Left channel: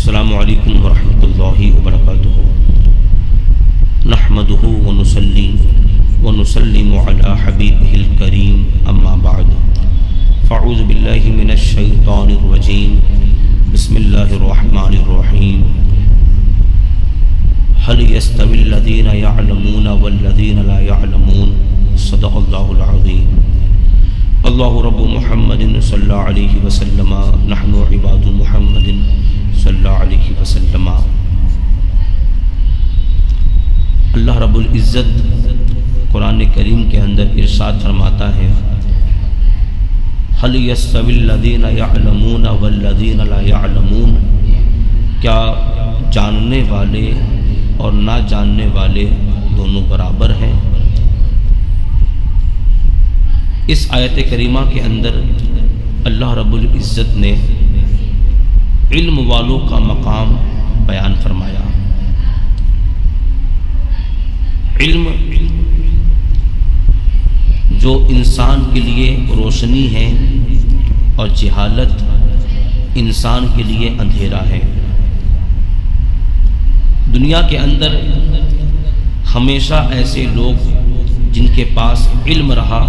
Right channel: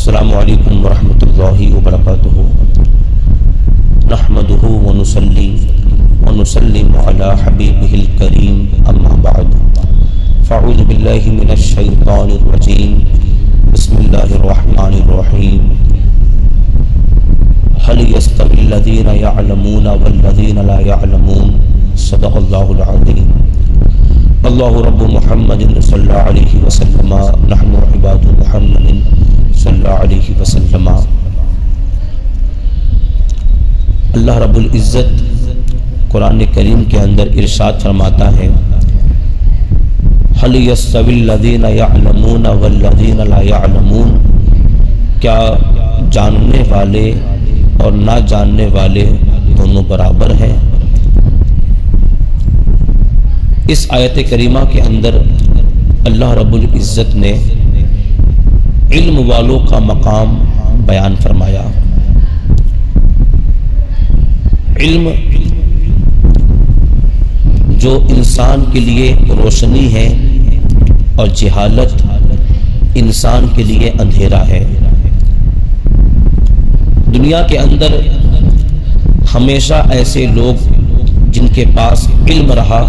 السلام علیکم ورحمۃ اللہ وبرکاتہ نحمدہ ونصلی ونسلم علی حبیبہ الکریم اما بعد فاعوذ باللہ من الشیطان الرجیم بسم اللہ الرحمن الرحیم هل يستوي الذين يعلمون والذين لا يعلمون صدق اللہ العظیم اللہ رب محمد صلی اللہ علیہ وسلم نحن عباد محمد صلی اللہ علیہ وسلم۔ اللہ رب العزت قرآن کریم کے اندر ارشاد فرماتا ہے هل يستوي الذين يعلمون والذين لا يعلمون، کیا جاننے والے اور نہ جاننے والے دونوں برابر ہیں؟ اس آیت کریمہ کے اندر اللہ رب العزت نے علم والوں کا مقام بیان فرمایا۔ علم جو انسان کے لیے روشنی ہے اور جہالت انسان کے لیے اندھیرا ہے۔ دنیا کے اندر ہمیشہ ایسے لوگ جن کے پاس علم رہا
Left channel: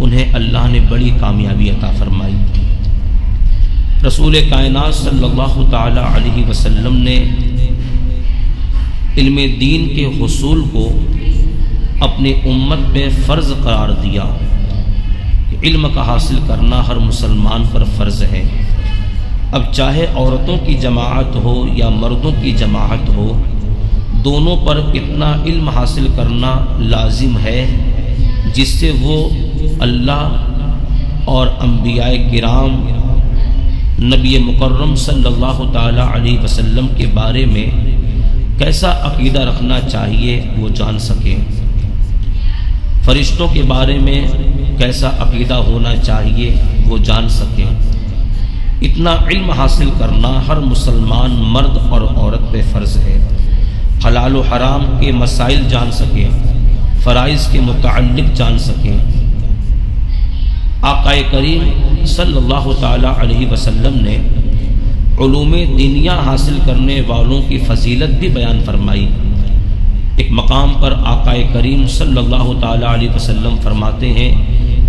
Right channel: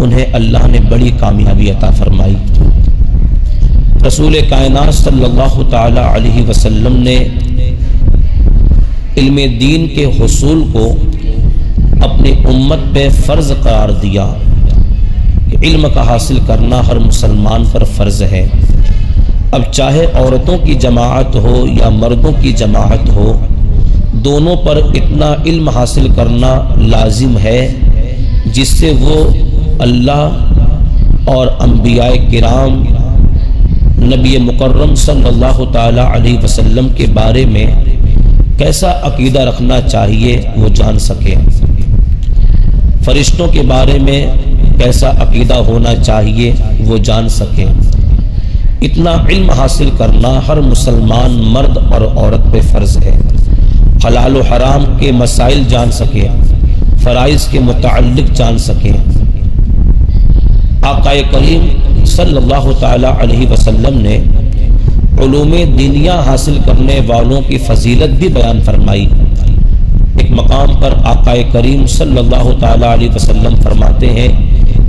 انہیں اللہ نے بڑی کامیابی عطا فرمائی۔ رسول کائنات صلی اللہ تعالی علیہ وسلم نے علم دین کے حصول کو اپنی امت پہ فرض قرار دیا کہ علم کا حاصل کرنا ہر مسلمان پر فرض ہے۔ اب چاہے عورتوں کی جماعت ہو یا مردوں کی جماعت ہو، دونوں پر اتنا علم حاصل کرنا لازم ہے جس سے وہ اللہ اور انبیاء کرام نبی مکرم صلی اللہ تعالی علیہ وسلم کے بارے میں کیسا عقیدہ رکھنا چاہیے وہ جان سکیں، فرشتوں کے بارے میں کیسا عقیدہ ہونا چاہیے وہ جان سکیں۔ اتنا علم حاصل کرنا ہر مسلمان مرد اور عورت پہ فرض ہے۔ حلال و حرام کے مسائل جان سکیں، فرائض کے متعلق جان سکیں۔ آقا کریم صلی اللہ تعالی علیہ وسلم نے علوم دینیہ حاصل کرنے والوں کی فضیلت بھی بیان فرمائی۔ ایک مقام پر آقا کریم صلی اللہ تعالی علیہ وسلم فرماتے ہیں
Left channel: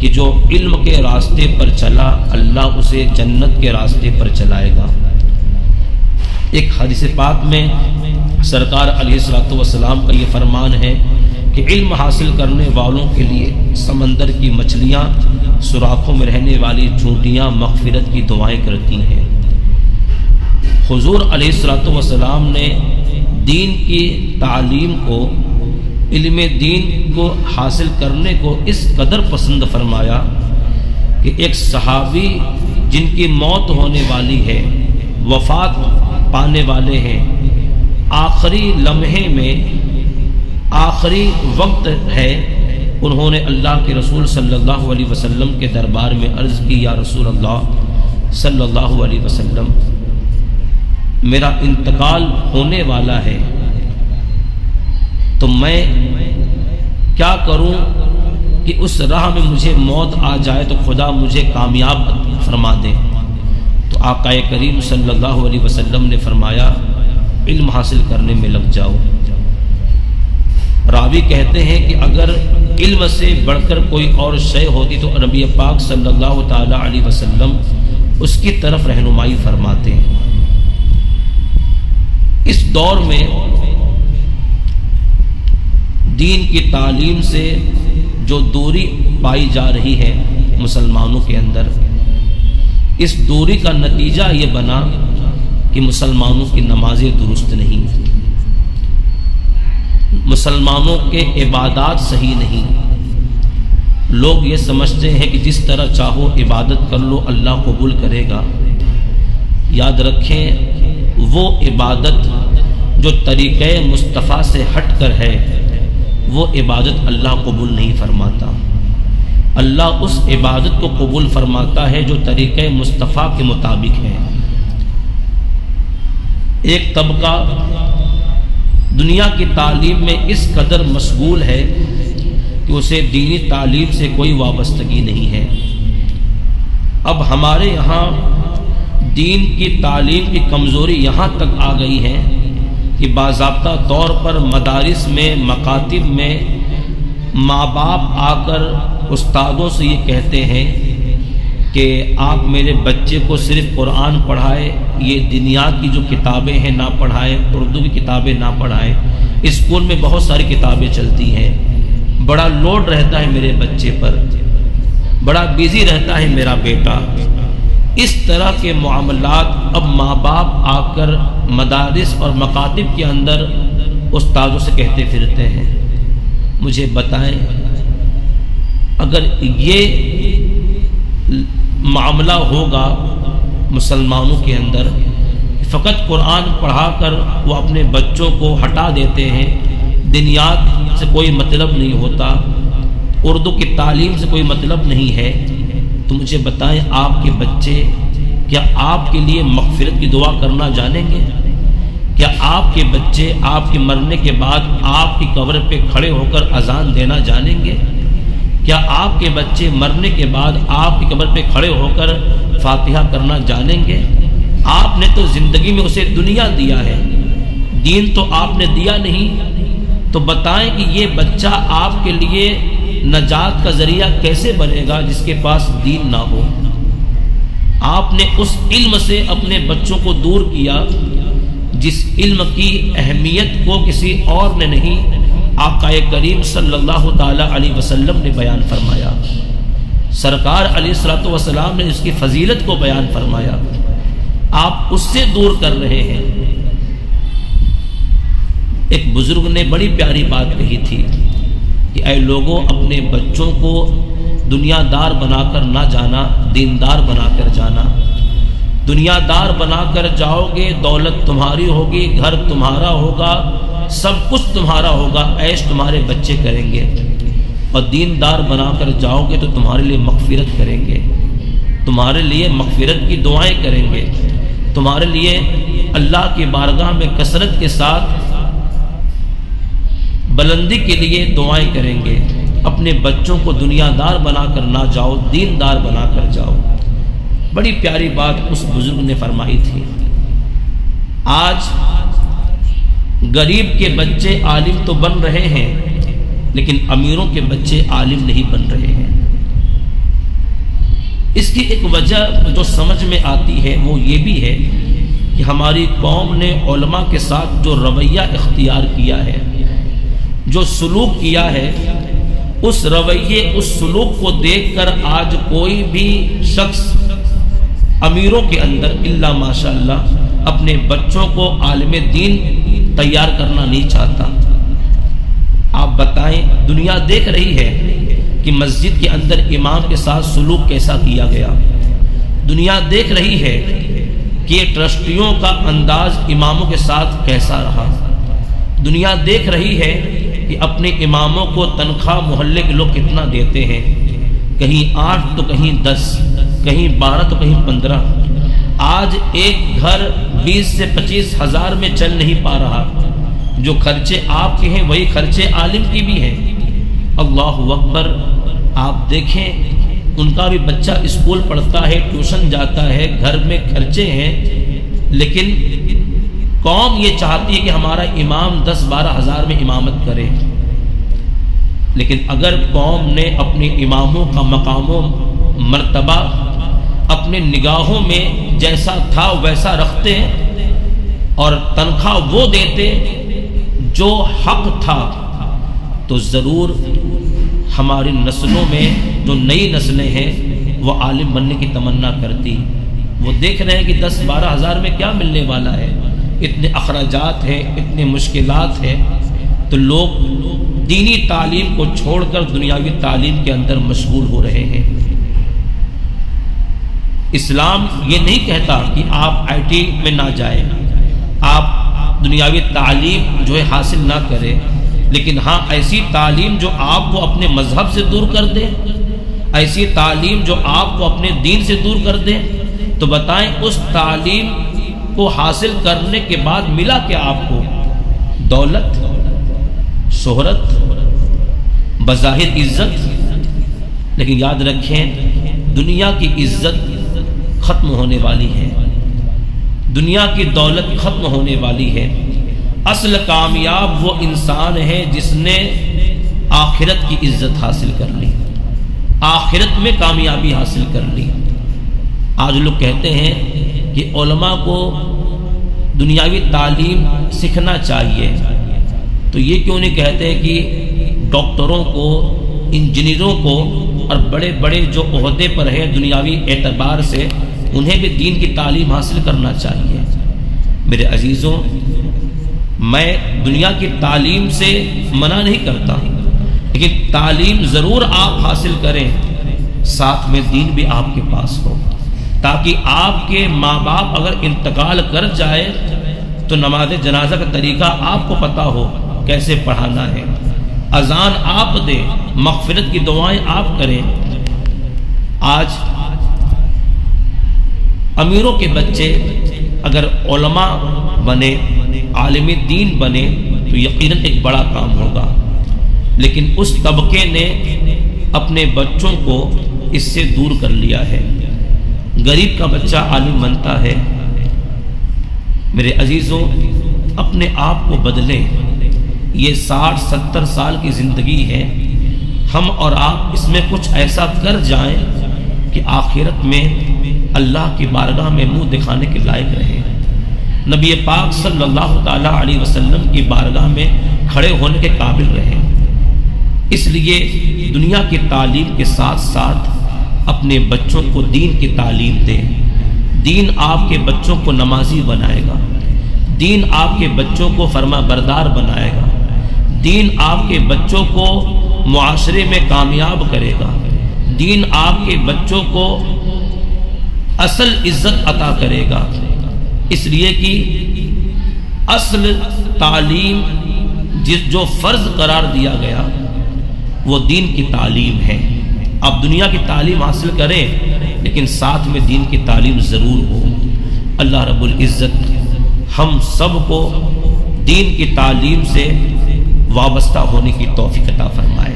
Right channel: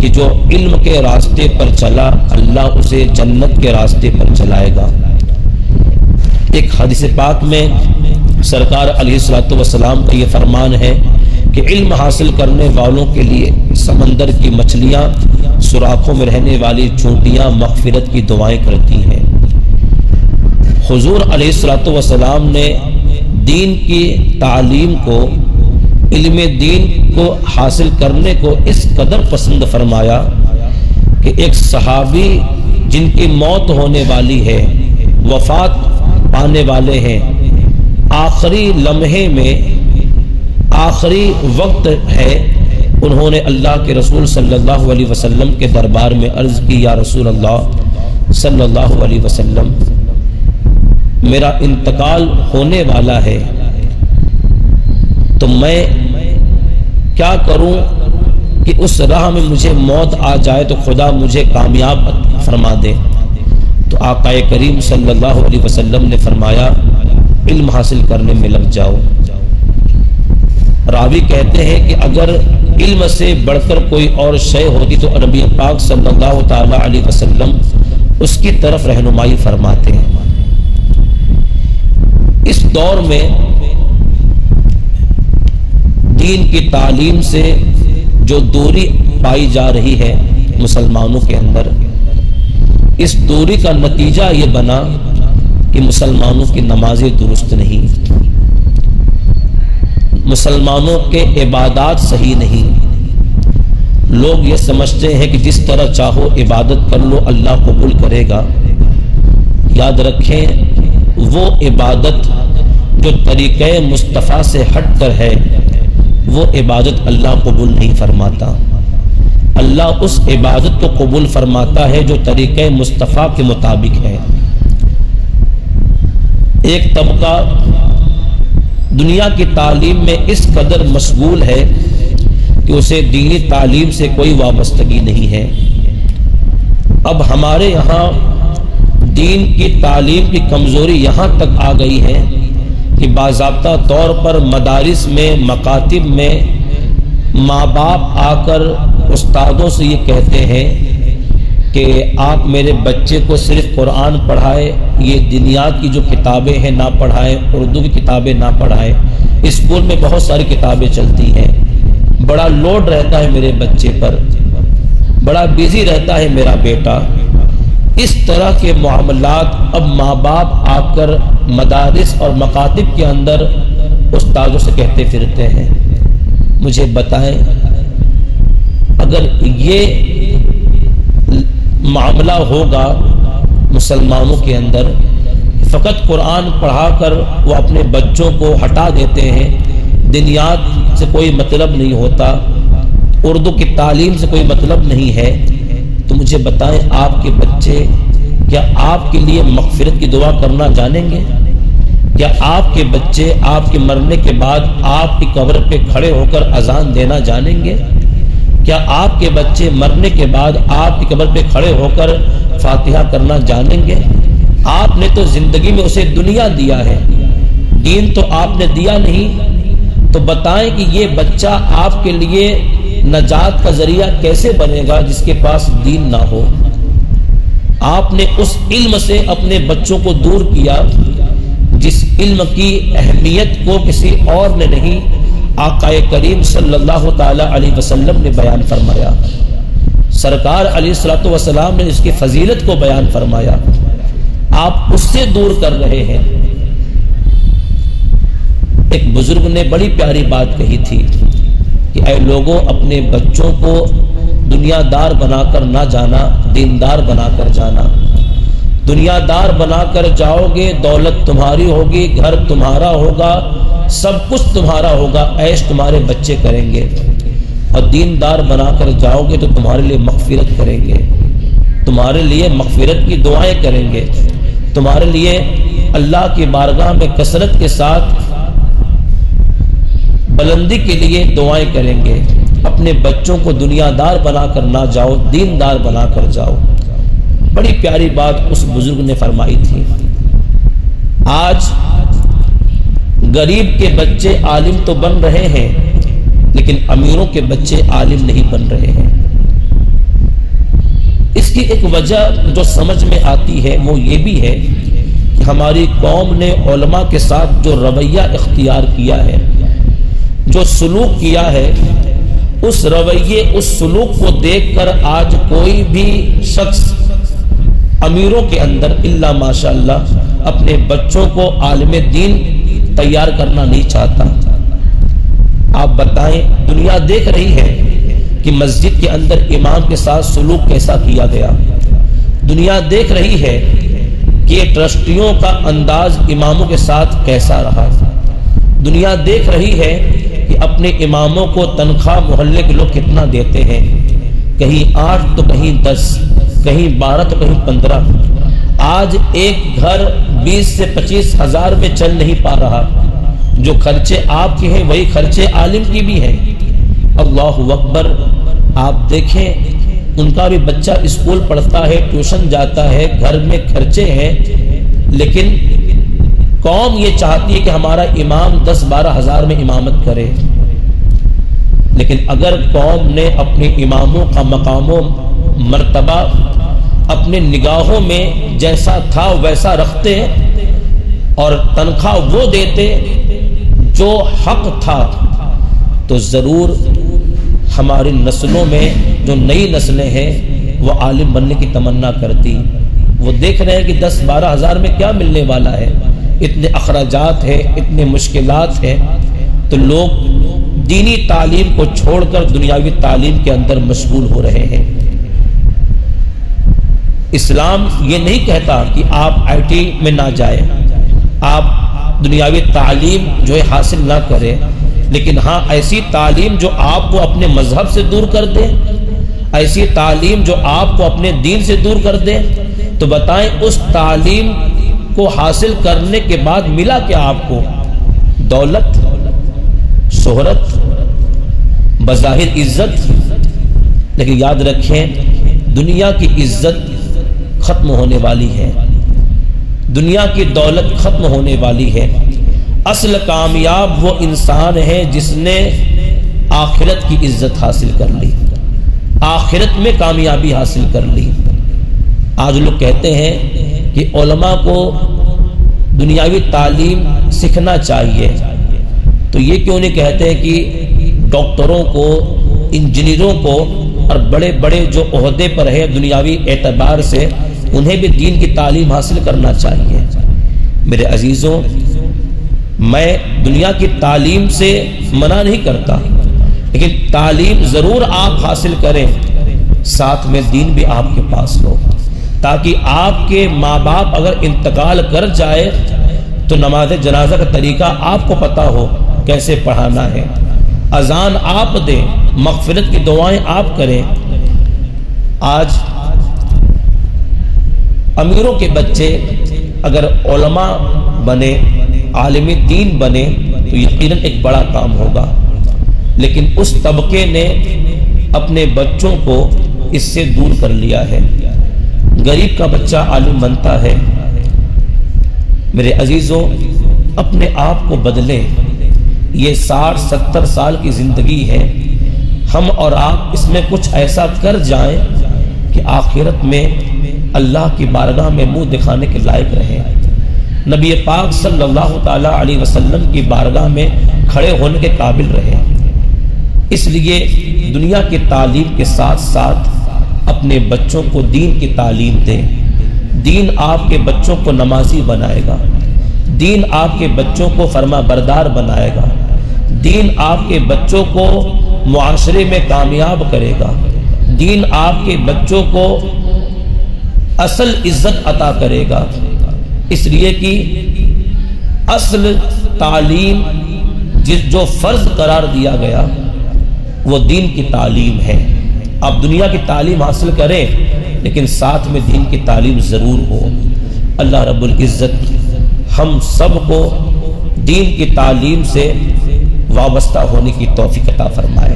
کہ جو علم کے راستے پر چلا اللہ اسے جنت کے راستے پر چلائے گا۔ ایک حدیث پاک میں سرکار علیہ الصلوۃ والسلام کا یہ فرمان ہے کہ علم حاصل کرنے والوں کے لیے سمندر کی مچھلیاں، سوراخوں میں رہنے والی چونٹیاں مغفرت کی دعائیں کرتی ہیں۔ حضور علیہ الصلوۃ والسلام نے دین کی تعلیم کو، علم دین کو حاصل کرنے کو اس قدر پسند فرمایا کہ ایک صحابی جن کی موت ہونے والی ہے، وفات پانے والے ہیں، آخری لمحے میں آخری وقت ہے، انہوں نے اللہ کے رسول صلی اللہ علیہ وسلم کے دربار میں عرض کی، یا رسول اللہ صلی اللہ علیہ وسلم، میرا انتقال ہونے والا ہے تو میں کیا کروں کہ اس راہ میں مجھے موت آ جائے تو خدا مجھے کامیاب فرما دے۔ تو آقا کریم صلی اللہ علیہ وسلم نے فرمایا علم حاصل کرنے میں لگ جاؤ۔ راوی کہتے ہیں کہ اگر علم سے بڑھ کر کوئی اور شے ہوتی تو نبی پاک صلی اللہ تعالی علیہ وسلم اس کی طرف رہنمائی فرماتے ہیں۔ اس دور میں دین کی تعلیم سے جو دوری پائی جا رہی ہے مسلمانوں کے اندر، اس دوری کا نتیجہ یہ بنا کہ مسلمانوں کی نمازیں درست نہیں، مسلمانوں کے عبادات صحیح نہیں۔ لوگ یہ سمجھتے ہیں کہ جس طرح چاہو عبادت کر لو اللہ قبول کرے گا۔ یاد رکھیں وہ عبادت جو طریقہ مصطفیٰ سے ہٹ کر ہے وہ عبادت اللہ قبول نہیں فرماتا۔ اللہ اس عبادت کو قبول فرماتا ہے جو طریقہ مصطفیٰ کے مطابق ہے۔ ایک طبقہ دنیا کی تعلیم میں اس قدر مشغول ہے کہ اسے دینی تعلیم سے کوئی وابستگی نہیں ہے۔ اب ہمارے یہاں دین کی تعلیم کی کمزوری یہاں تک آ گئی ہے کہ باضابطہ طور پر مدارس میں، مکاتب میں ماں باپ آ کر استادوں سے یہ کہتے ہیں کہ آپ میرے بچے کو صرف قرآن پڑھائے، یہ دنیات کی جو کتابیں ہیں نہ پڑھائیں، اردو کی کتابیں نہ پڑھائیں، اسکول میں بہت ساری کتابیں چلتی ہیں، بڑا لوڈ رہتا ہے میرے بچے پر، بڑا بیزی رہتا ہے میرا بیٹا۔ اس طرح کے معاملات اب ماں باپ آ کر مدارس اور مکاتب کے اندر استادوں سے کہتے پھرتے ہیں۔ مجھے بتائیں، اگر یہ معاملہ ہوگا مسلمانوں کے اندر، فقط قرآن پڑھا کر وہ اپنے بچوں کو ہٹا دیتے ہیں، دنیات سے کوئی مطلب نہیں ہوتا، اردو کی تعلیم سے کوئی مطلب نہیں ہے، تو مجھے بتائیں آپ کے بچے کیا آپ کے لیے مغفرت کی دعا کرنا جانیں گے؟ کیا آپ کے بچے آپ کے مرنے کے بعد آپ کی قبر پہ کھڑے ہو کر اذان دینا جانیں گے؟ کیا آپ کے بچے مرنے کے بعد آپ کی قبر پہ کھڑے ہو کر فاتحہ کرنا جانیں گے؟ آپ نے تو زندگی میں اسے دنیا دیا ہے، دین تو آپ نے دیا نہیں، تو بتائیں کہ یہ بچہ آپ کے لیے نجات کا ذریعہ کیسے بنے گا جس کے پاس دین نہ ہو؟ آپ نے اس علم سے اپنے بچوں کو دور کیا جس علم کی اہمیت کو کسی اور نے نہیں، آقا کریم صلی اللہ تعالی علیہ وسلم نے بیان فرمایا، سرکار علیہ الصلوۃ والسلام نے اس کی فضیلت کو بیان فرمایا، آپ اس سے دور کر رہے ہیں۔ ایک بزرگ نے بڑی پیاری بات کہی تھی کہ اے لوگوں، اپنے بچوں کو دنیا دار بنا کر نہ جانا، دیندار بنا کر جانا۔ دنیا دار بنا کر جاؤ گے، دولت تمہاری ہوگی، گھر تمہارا ہوگا، سب کچھ تمہارا ہوگا، عیش تمہارے بچے کریں گے، اور دیندار بنا کر جاؤ گے تو تمہارے لیے مغفرت کریں گے، تمہارے لیے مغفرت کی دعائیں کریں گے، تمہارے لیے اللہ کی بارگاہ میں کثرت کے ساتھ بلندی کے لیے دعائیں کریں گے۔ اپنے بچوں کو دنیا دار بنا کر نہ جاؤ، دیندار بنا کر جاؤ۔ بڑی پیاری بات اس بزرگ نے فرمائی تھی۔ آج غریب کے بچے عالم تو بن رہے ہیں، لیکن امیروں کے بچے عالم نہیں بن رہے ہیں۔ اس کی ایک وجہ جو سمجھ میں آتی ہے وہ یہ بھی ہے کہ ہماری قوم نے علماء کے ساتھ جو رویہ اختیار کیا ہے، جو سلوک کیا ہے، اس رویے، اس سلوک کو دیکھ کر آج کوئی بھی شخص امیروں کے اندر الا ماشاءاللہ اپنے بچوں کو عالم دین تیار کرنا نہیں چاہتا۔ آپ بتائیں، دنیا دیکھ رہی ہے کہ مسجد کے اندر امام کے ساتھ سلوک کیسا کیا گیا، دنیا دیکھ رہی ہے کہ ٹرسٹیوں کا انداز اماموں کے ساتھ کیسا رہا، دنیا دیکھ رہی ہے کہ اپنے اماموں کو تنخواہ محلے کے لوگ کتنا دیتے ہیں، کہیں 8 تو کہیں 10، کہیں 12 تو کہیں 15۔ آج ایک گھر 20 سے 25 ہزار میں چل نہیں پا رہا۔ جو خرچے آپ کے ہیں وہی خرچے عالم کی بھی ہیں۔ اللہ اکبر، آپ دیکھیں ان کا بھی بچہ اسکول پڑھتا ہے، ٹیوشن جاتا ہے، گھر میں خرچے ہیں، لیکن قوم یہ چاہتی ہے کہ ہمارا امام 10-12 ہزار میں امامت کرے۔ لیکن اگر قوم نے اپنے اماموں کا مقام و مرتبہ اپنے نگاہوں میں جیسا تھا ویسا رکھتے اور تنخواہ وہ دیتے جو حق تھا، تو ضرور ہماری نسلوں میں جو نئی نسلیں ہیں وہ عالم بننے کی تمنا کرتی۔ وہ دیکھ رہے ہیں کہ 10-12 ہزار میں کیا ملنے والا ہے، اتنے اخراجات ہیں، اتنے مشکلات ہیں، تو لوگ دینی تعلیم کو چھوڑ کر دنیاوی تعلیم کے اندر مشغول ہو رہے ہیں۔ اسلام یہ نہیں کہتا کہ آپ آئی ٹی میں نہ جائیں، آپ دنیاوی تعلیم جو ہے حاصل نہ کریں، لیکن ہاں ایسی تعلیم جو آپ کو اپنے مذہب سے دور کر دے، ایسی تعلیم جو آپ کو اپنے دین سے دور کر دے، تو بتائیں اس تعلیم کو حاصل کرنے کے بعد ملا کیا آپ کو؟ دولت، شہرت، بظاہر عزت۔ لیکن یاد رکھیں دنیا کی عزت ختم ہونے والی ہے، دنیا کی دولت ختم ہونے والی ہے، اصل کامیاب وہ انسان ہے جس نے آخرت کی عزت حاصل کر لی، آخرت میں کامیابی حاصل کر لی۔ آج لوگ کہتے ہیں کہ علماء کو دنیاوی تعلیم سیکھنا چاہیے، تو یہ کیوں نہیں کہتے کہ ڈاکٹروں کو، انجینئروں کو اور بڑے بڑے جو عہدے پر ہیں دنیاوی اعتبار سے، انہیں بھی دین کی تعلیم حاصل کرنا چاہیے۔ میرے عزیزوں، میں دنیا کی تعلیم سے منع نہیں کرتا، لیکن تعلیم ضرور آپ حاصل کریں، ساتھ میں دین بھی آپ کے پاس لو، تاکہ آپ کے ماں باپ اگر انتقال کر جائے تو نماز جنازہ کا طریقہ آپ کو پتا ہو کیسے پڑھانا ہے، اذان آپ دیں، مغفرت کی دعائیں آپ کریں۔ آج امیروں کے بچے اگر علماء بنے، عالم دین بنے تو یقیناً ایک بڑا کام ہوگا، لیکن اس طبقے نے اپنے بچوں کو اس سے دور کر لیا ہے۔ غریب کا بچہ عالم بنتا ہے۔ میرے عزیزوں، اپنے آپ کو بدلیں۔ یہ 60-70 سال کی زندگی ہے، ہم اور آپ اس میں کچھ ایسا کر جائیں کہ آخرت میں اللہ کی بارگاہ میں منہ دکھانے کے لائق رہیں، نبی پاک صلی اللہ تعالی علیہ وسلم کی بارگاہ میں کھڑے ہونے کے قابل رہیں۔ اس لیے دنیا کی تعلیم کے ساتھ ساتھ اپنے بچوں کو دین کی تعلیم دیں۔ دین آپ کے بچوں کو نمازی بنائے گا، دین آپ کے بچوں کو فرما بردار بنائے گا، دین آپ کے بچوں کو معاشرے میں کامیاب کرے گا، دین آپ کے بچوں کو اصل عزت عطا کرے گا۔ اس لیے کہ اصل تعلیم جو فرض قرار دیا گیا وہ دین کی تعلیم ہے۔ آپ دنیا کی تعلیم حاصل کریں، لیکن ساتھ میں دین کی تعلیم ضرور ہو۔ اللہ رب العزت ہم سب کو دین کی تعلیم سے وابستہ ہونے کی توفیق عطا فرمائے۔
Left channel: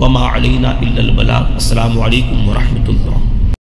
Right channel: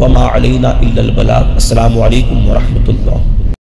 وما علینا الا البلاغ۔ السلام علیکم ورحمۃ اللہ۔